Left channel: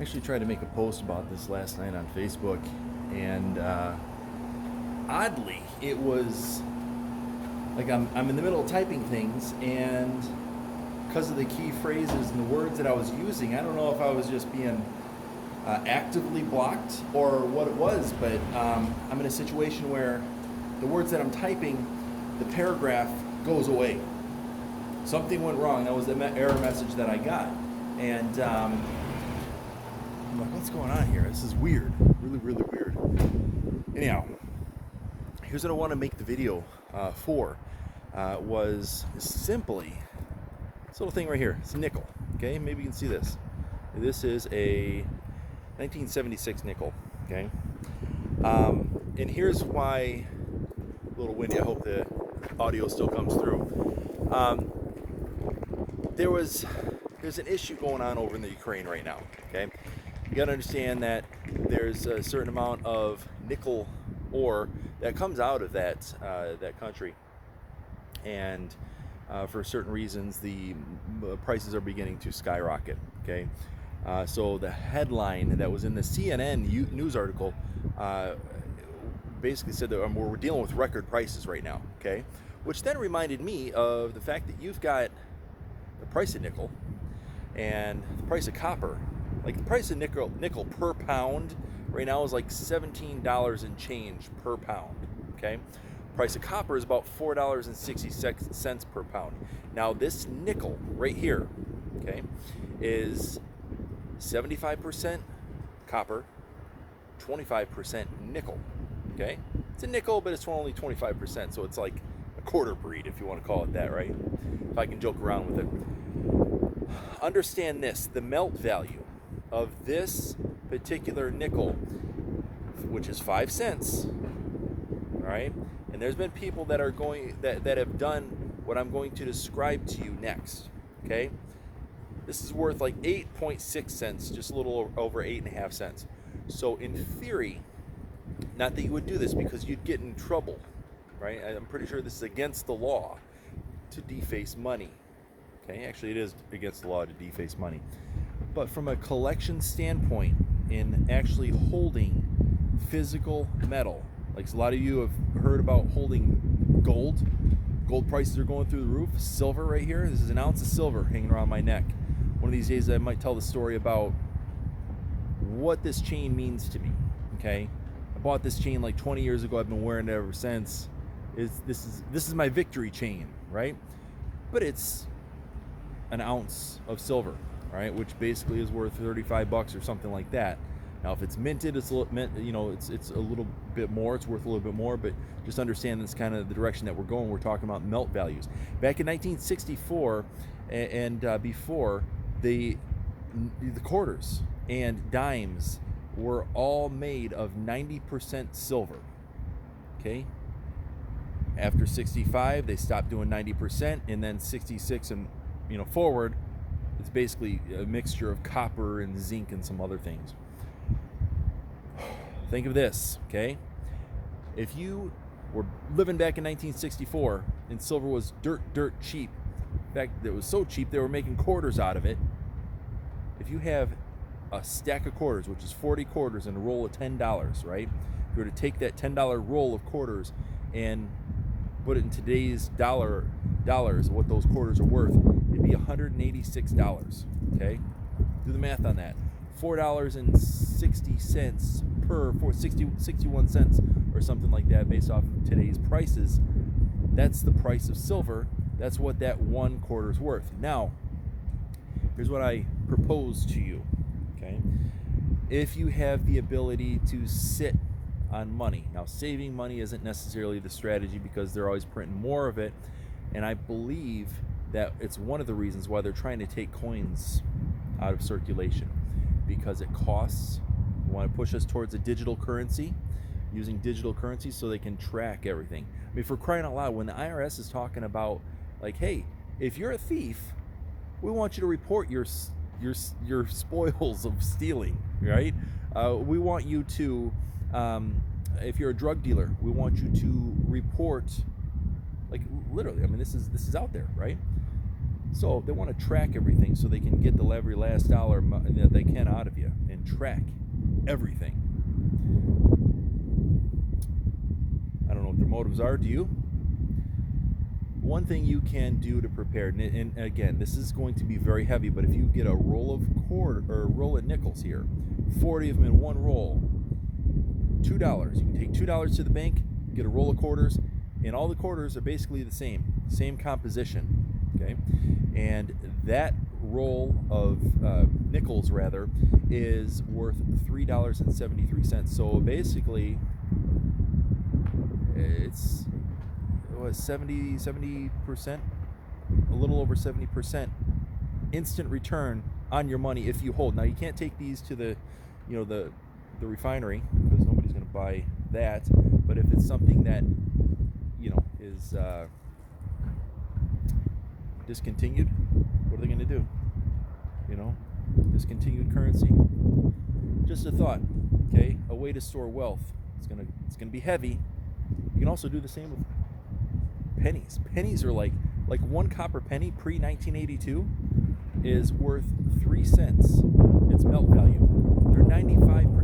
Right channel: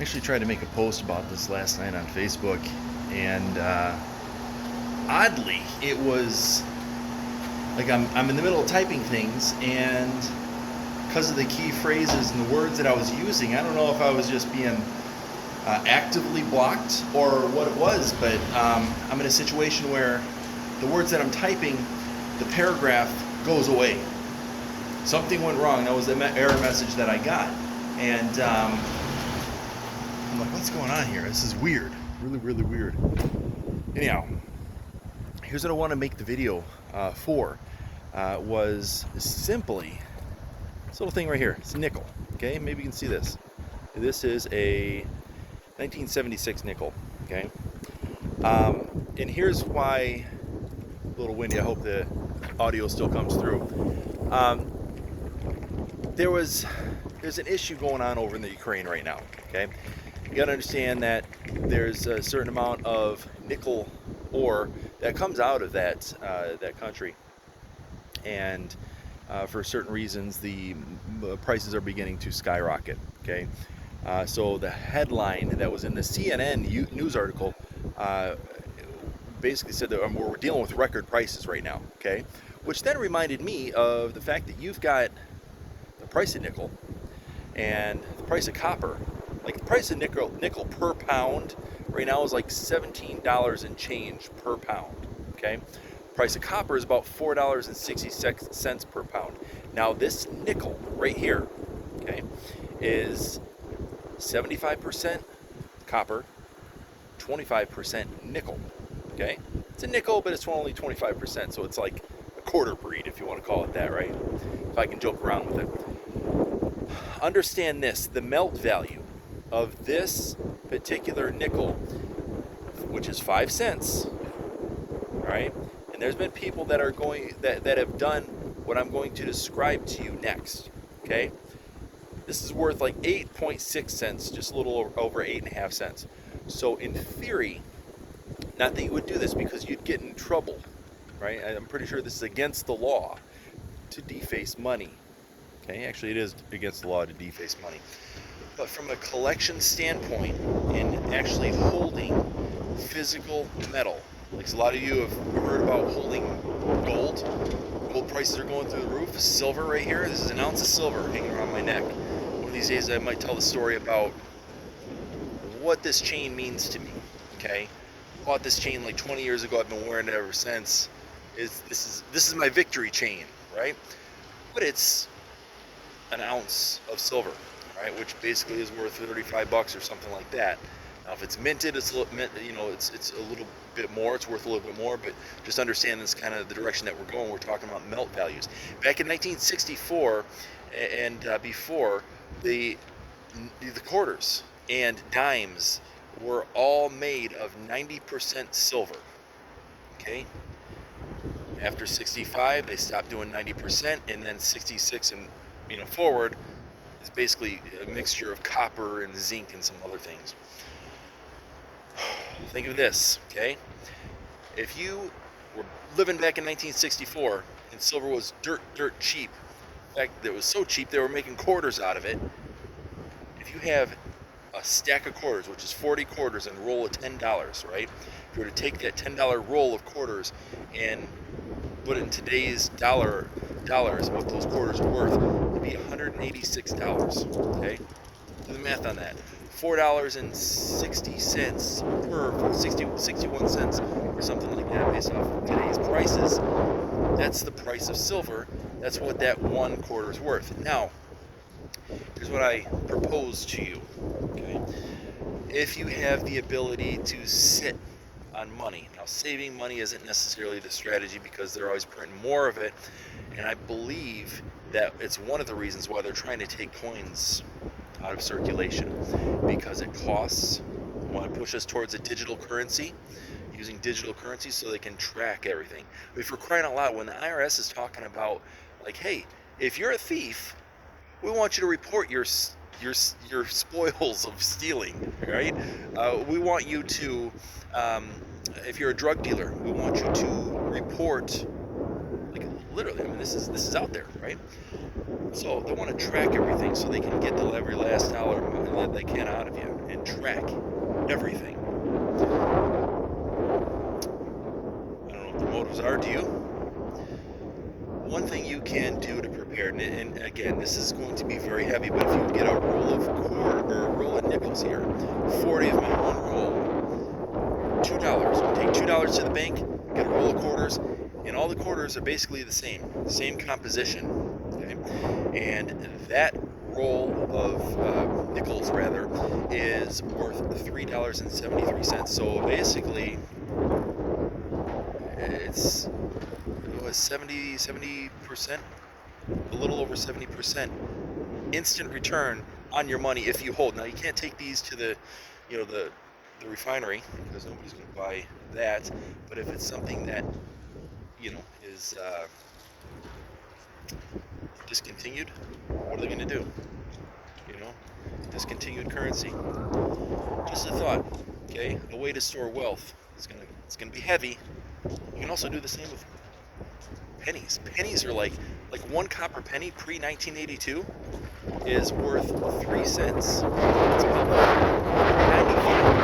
Actually tried to make a post about this last night on Facebook, and oddly, it was like I'm in the middle of typing things, and because of the key phrases and the words that I was using, I don't know if I was just being actively blocked or what it was, but I'm in a situation where the words that I'm typing, the paragraph goes away. Something went wrong. That was the error message that I got, and I'm like, what's going on here? This is weird. Really, really weird. Anyhow, here's what I want to make the video for. Was simply this little thing right here. It's a nickel. Okay, maybe you can see this. This is a 1976 nickel. Okay, and here's why. A little windy. I hope the audio still comes through. There's an issue going on over in the Ukraine right now. Okay, you got to understand that there's a certain amount of nickel ore that comes out of that country, and for certain reasons, the prices are beginning to skyrocket. Okay, so the headline that was in the CNN news article basically said that we're dealing with record prices right now. Okay, which then reminded me of the fact that you've got the price of nickel and the price of copper. Like the price of nickel per pound right now is like $17 and change per pound. Okay, price of copper is about $4.60 per pound. Now this nickel right here, okay, is 75% copper, 25% nickel. Okay, it's a nickel, but it's only 25%, so it's like a quarter breed, if you want to call it that, right? If I can joke around with it. Understand this: the melt value of this particular nickel, which is 5 cents, all right, and there's been people that are going that have done what I'm going to describe to you next. Okay, this is worth like 8.6 cents, just a little over 8.5 cents. So in theory, not that you would do this because you'd get in trouble, right? I'm pretty sure this is against the law to deface money. Okay, actually it is against the law to deface money. But from a collection standpoint and actually holding physical metal, like a lot of you have heard about holding gold. Gold prices are going through the roof. Silver right here. This is an ounce of silver hanging around my neck. One of these days I might tell the story about what this chain means to me. Okay, I bought this chain like 20 years ago. I've been wearing it ever since. This is my victory chain, right? But it's an ounce of silver, right, which basically is worth 35 bucks or something like that. Now, if it's minted, it's a little bit more. It's worth a little bit more, but just understand this kind of the direction that we're going. We're talking about melt values. Back in 1964 and before, the quarters and dimes were all made of 90% silver. Okay. After 65, they stopped doing 90%, and then 66 and forward is basically a mixture of copper and zinc and some other things. Think of this, okay? If you were living back in 1964 and silver was dirt cheap, in fact, it was so cheap they were making quarters out of it. If you have a stack of quarters, which is 40 quarters, and a roll of $10, right? If you were to take that $10 roll of quarters and put it in today's dollars, what those quarters are worth, it'd be $186. Okay, do the math on that. $4.60 per 61 cents or something like that, based off of today's prices. That's the price of silver. That's what that one quarter is worth. Now, here's what I propose to you. Okay, if you have the ability to sit on money. Now, saving money isn't necessarily the strategy because they're always printing more of it, and I believe that it's one of the reasons why they're trying to take coins out of circulation, because it costs. They want to push us towards a digital currency, using digital currency so they can track everything. I mean, for crying out loud, when the IRS is talking about, like, hey, if you're a thief, we want you to report your spoils of stealing, right? We want you to, if you're a drug dealer, we want you to report, like literally. I mean, this is out there, right? So they want to track everything so they can get every last dollar that they can out of you. And track everything. I don't know what the motives are. Do you? One thing you can do to prepare, and again, this is going to be very heavy, but if you get a roll of nickels here, 40 of them in one roll, $2. Take $2 to the bank, get a roll of quarters, and all the quarters are basically the same composition. Okay, and that roll of nickels rather is worth $3.73. So basically, it's 70%, a little over 70% instant return on your money if you hold. Now you can't take these to the refinery because nobody's going to buy that. But if it's something that is discontinued, what are they going to do? Discontinued currency. Just a thought. Okay, a way to store wealth. It's gonna be heavy. You can also do the same with pennies. Pennies are like one copper penny pre-1982 is worth 3 cents. It's about $3.95.